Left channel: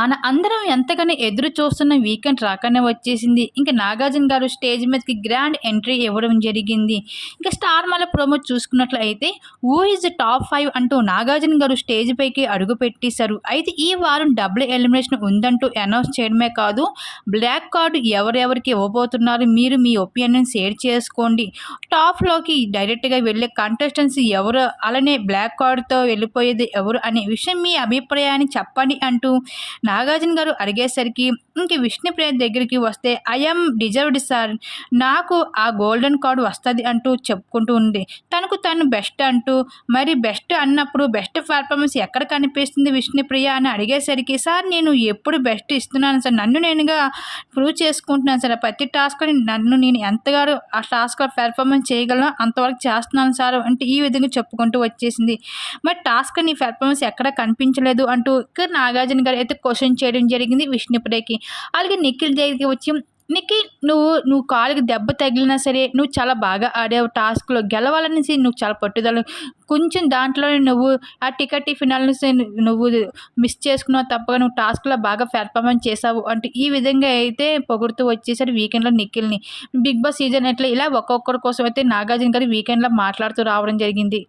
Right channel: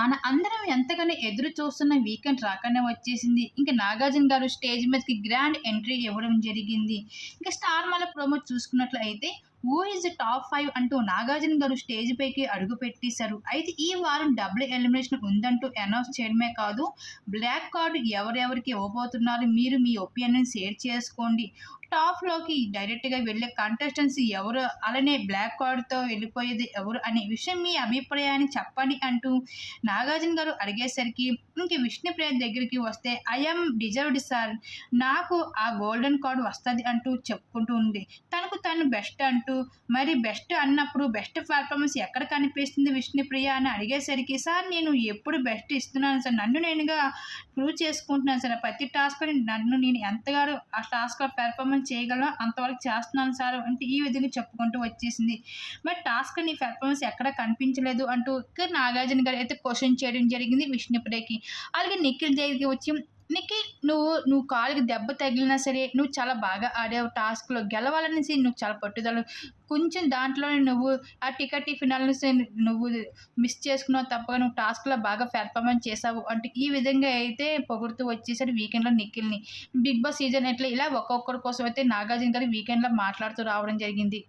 మన అందరం ఎంతగానో ఎదురు చూస్తున్న వీకెండ్ రాకనే వచ్చేసింది. ఇంక 'నాగార్జున' గారు స్టేజ్ మీదకి గ్రాండ్ ఎంట్రీ ఇవ్వడం జరిగింది. ఇక 'స్టార్ మాల' ప్రోమో చూసుకున్నట్లయితే 'హూ ఈజ్ టాప్ 5' అంటూ 'నాగార్జున' గారు స్టేజ్ పైకి అడుగు పెట్టేశారు. అయితే ఈ వారం డబుల్ ఎలిమినేషన్ ఉందంటూ అనౌన్స్ చేయడమే కాదు, బ్లాక్ కార్డ్ ఎవరెవరికి ఇవ్వబోతున్నారు, మీరు మీ ఒపీనియన్ షేర్ చేసుకోండి. టాప్‌లోకి డైరెక్ట్‌గా వెళ్ళే కంటెస్టెంట్స్ ఎవరు, అలానే బ్లాక్ కార్డ్‌తో వెళ్ళిపోయేది ఎవరు అనే విషయం మీ అభిప్రాయాన్ని చెప్పండి అంటూ నాగార్జున గారు అడిగేసరికి ఇంక విష్ణుప్రియ దగ్గరికి వస్తే ఐ యామ్ డిజర్వ్డ్ సార్, నాకు ఆ గోల్డెన్ కార్డ్ వస్తది అంటూ చెప్పుకుంటూ ఉంది. తనకు తను బెస్ట్ అంటూ, మరి బెస్ట్ అన్నప్పుడు బెస్ట్ పెర్ఫార్మన్స్ ఎక్కడ కనిపిస్తుంది విష్ణుప్రియ అని అడిగేసరికి, సార్ నేను ఎప్పుడు బెస్ట్ ఇస్తున్నాను సార్, నన్ను నేనుగా ప్రూవ్ చేసుకుంటున్నాను సార్, ప్రతి టాస్క్‌ని నన్ను నేను ఎంతగానో ఆ టాస్క్‌లో పెర్ఫార్మన్స్ చేయగలనో అంతవరకు చేస్తున్నాను సార్ అంటే ఈ విధంగా చెప్పుకుంటూ వచ్చేసింది. మరి టాస్క్ నీ పెర్ఫార్మన్స్ ఎక్కడ కనిపించలేదు అంటూ ఇక నాగార్జున గారు అయితే క్వెషన్ చేయడం జరిగింది విష్ణుప్రియకి. అలాగే నిఖిల్ దగ్గరికి వచ్చి, నిఖిల్ నువ్వు కాలుకి దెబ్బ తగిలినా సరే నువ్వు చాలా బాగా ఆడావు టాస్క్‌లో, గెలవాలనేసి నువ్వు చాలా పట్టుదల, కొంచెం దాంట్లోనే నువ్వు ఆ టికెట్ ఫినాల్‌ని నువ్వు మిస్ చేసుకున్నావు తప్పగా, నువ్వు టాస్క్‌లో బాగా పెర్ఫార్మన్స్ చేశావు అంటూ ఈ విధంగా అయితే పొగుడుతూ వచ్చేసారు వీకెండ్‌లో నిఖిల్‌ని. 'బిగ్ బాస్' సీజన్ ఎట్లా ఇలా ఒక్కొక్కరి కోసం అయితే నాగార్జున గారు వీకెండ్‌లో మాట్లాడుతూ రావడం జరిగింది.